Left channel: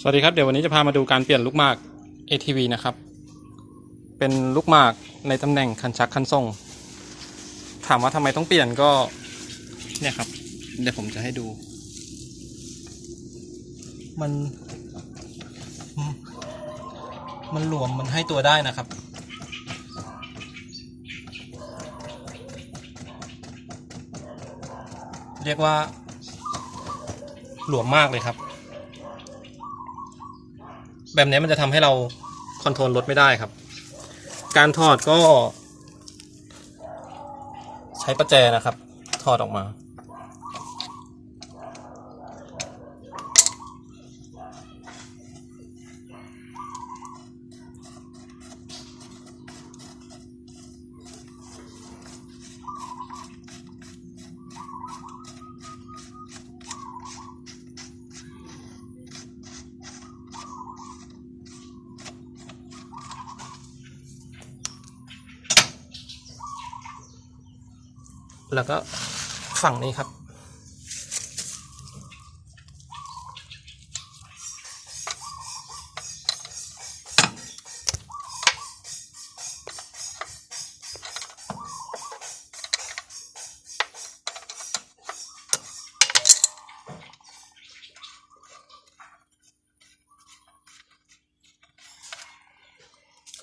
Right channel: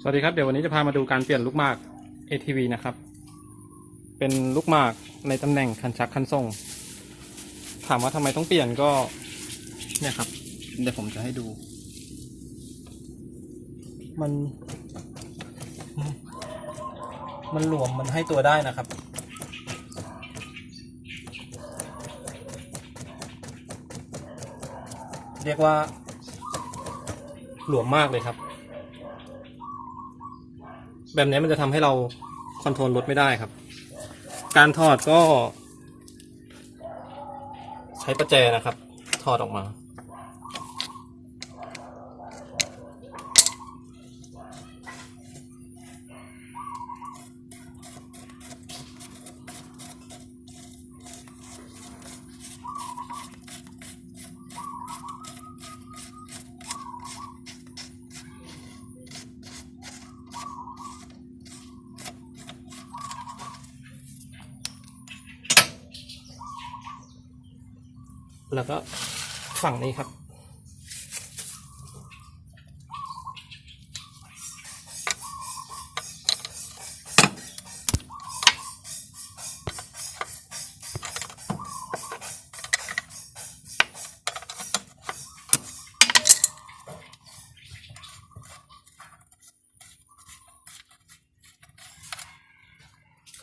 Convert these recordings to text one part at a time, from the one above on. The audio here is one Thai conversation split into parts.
สวัสดีครับเดี๋ยววันนี้จะพามาดูการเปลี่ยนลูกหมาก ATV นะครับ เป็นลูกหมากในตำแหน่งคันชักคันส่งถามว่าทำไมต้องเปลี่ยนก็เนี่ยครับ เดี๋ยวผมจะให้ดู มัน มันหลวมมันให้ตัวได้นะครับ เรียกว่าหลวมมากเลยครับ แบบนี้มันจะทำให้เราคอนโทรลรถไม่ได้ครับ การถอดก็ ใช้ประแจนะครับ ถอดออกมา แล้วก็ฝั่งนี้ครับ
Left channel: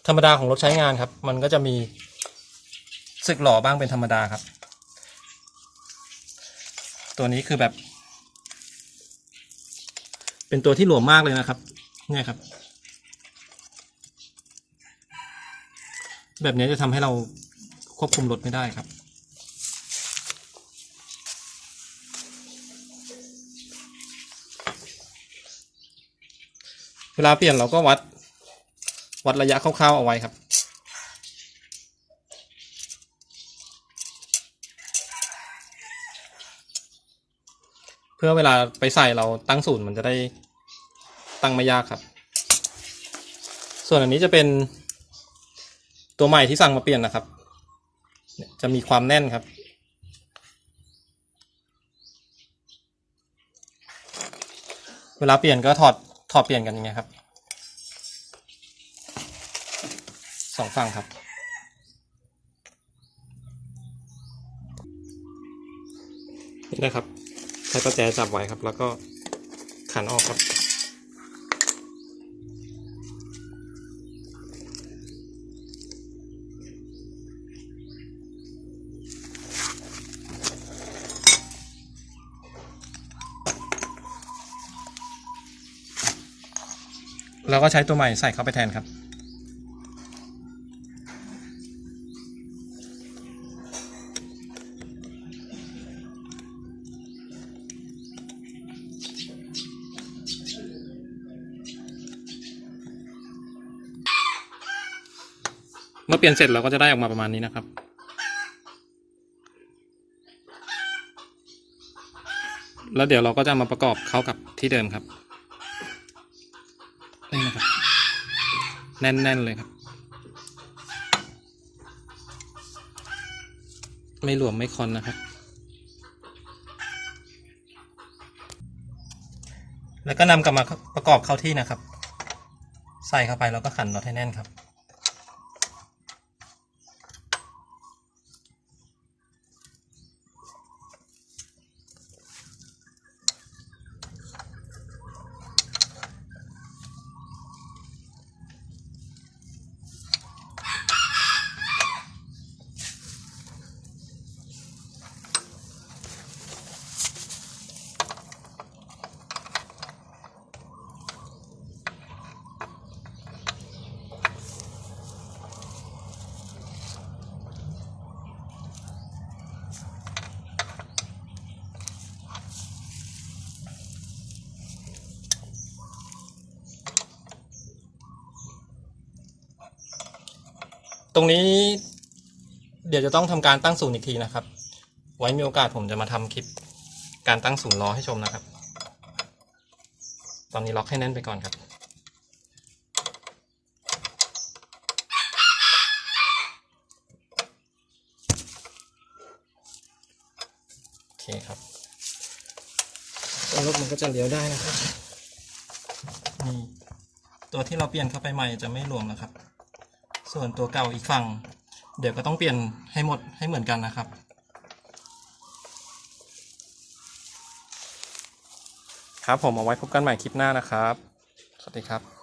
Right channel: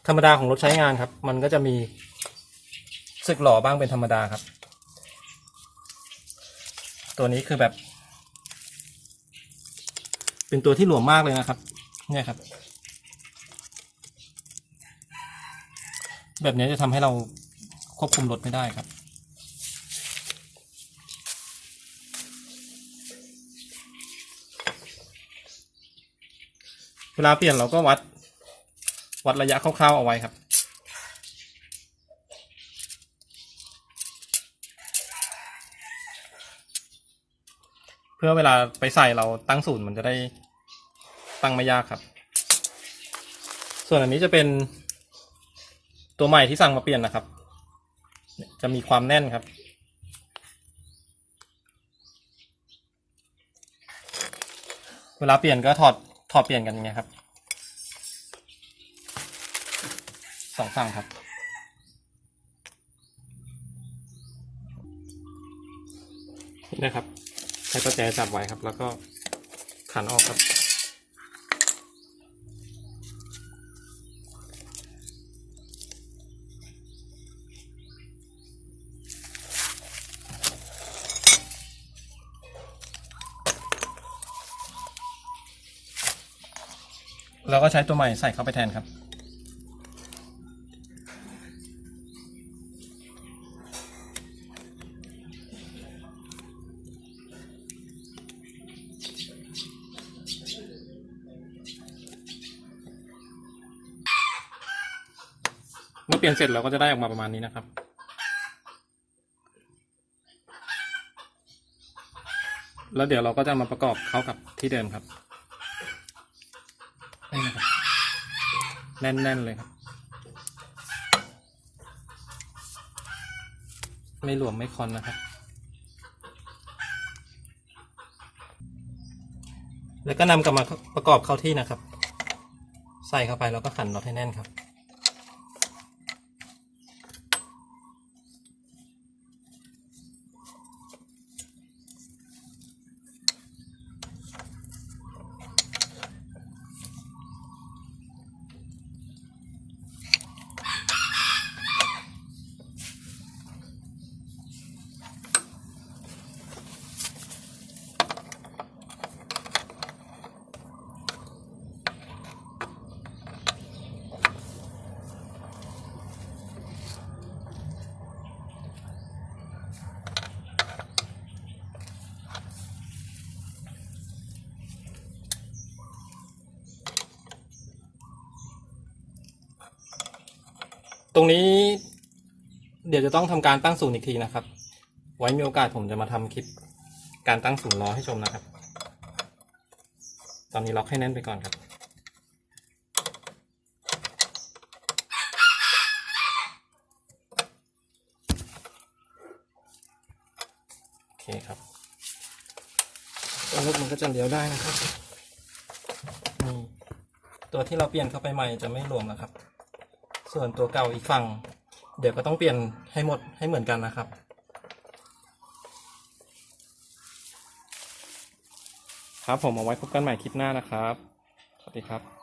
ธรรมดาของรถใช้งานครับ มันก็จะมีสึกหล่อบ้างเป็นธรรมดาครับ ตัวนี้คือแบบ เป็นตัวที่หลวมมากเลยนะครับ เนี่ยครับ แบบนี้จะทำให้เราควบคุมรถไม่ได้ครับ เวลาเปลี่ยนเราก็วัด วัดระยะคร่าวๆเอาไว้ครับ พื่อเวลาไปใส่เราตั้งศูนย์มันจะได้ตั้งไม่ยากครับ ส่วนอันนี้จะเป็นตัวใหม่ที่สั่งมาเปลี่ยนนะครับ จะมีความแน่นครับ เวลาเปลี่ยนก็ถอดถอดเปลี่ยนกันอย่างเงี้ยครับสองฝั่งครับนี่นะครับ ช้ประแจจับไว้ครับ แล้วก็ขันออกครับ แล้วก็ใช้ตัวใหม่ใส่เข้าไปแทนครับ เมื่อเปลี่ยนเสร็จเราก็จะได้ออกมาประมาณนี้นะครับ แล้วเดี๋ยวเราก็จะมาประกอบเข้ากับที่เดิมครับนี่นะครับแน่นๆเลยครับ ไม่หลวมไม่คอนนะครับ แล้วก็นำกลับมาประกอบเข้าที่นะครับ ใส่เข้าไปแล้วก็ขันน็อตให้แน่นครับ ตรงนี้เดี๋ยวจะต้องทำการตั้งศูนย์อีกทีนะครับ ไว้มีโอกาสผมจะมาทำคลิปการตั้งศูนย์ล้อให้ชมนะครับ ตอนนี้ล็อกให้แน่นไปก่อนครับ โอเคครับแล้วรถมันก็จะเลี้ยวได้นะครับนี่ตัวที่เราเปลี่ยนเข้าไปใหม่จะไม่รวมนะครับ ส่วนตัวเก่าอีกฝั่ง เดี๋ยวก็ต้องเปลี่ยนให้หมดให้เหมือนกันนะครับ ครับผมเอาไว้พบกันใหม่คลิปหน้านะครับ สวัสดีครับ